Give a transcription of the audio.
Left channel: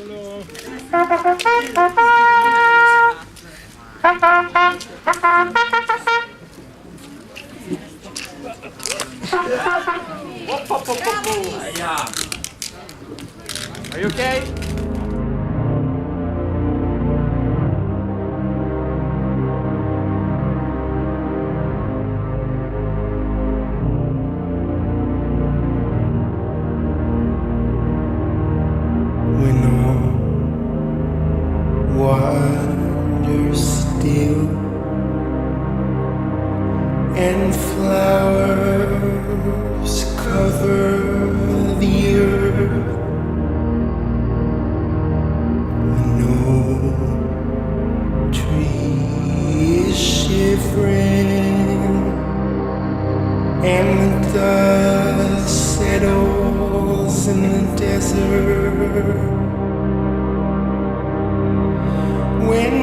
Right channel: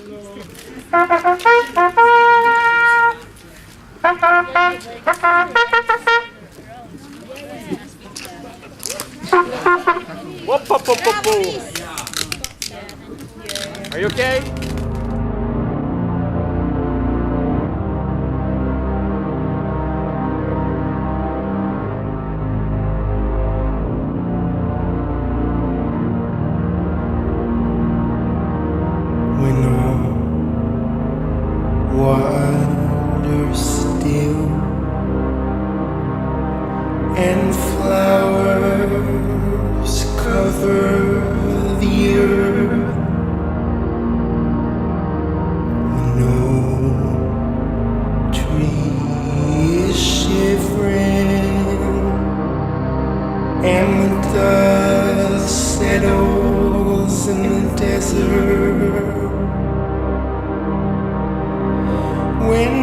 Whoop, whoop, whoop, whoop, whoop. Are you okay? When all wonders still and flowers cover the earth, when no tree is shivering and the dust settles in the desert, when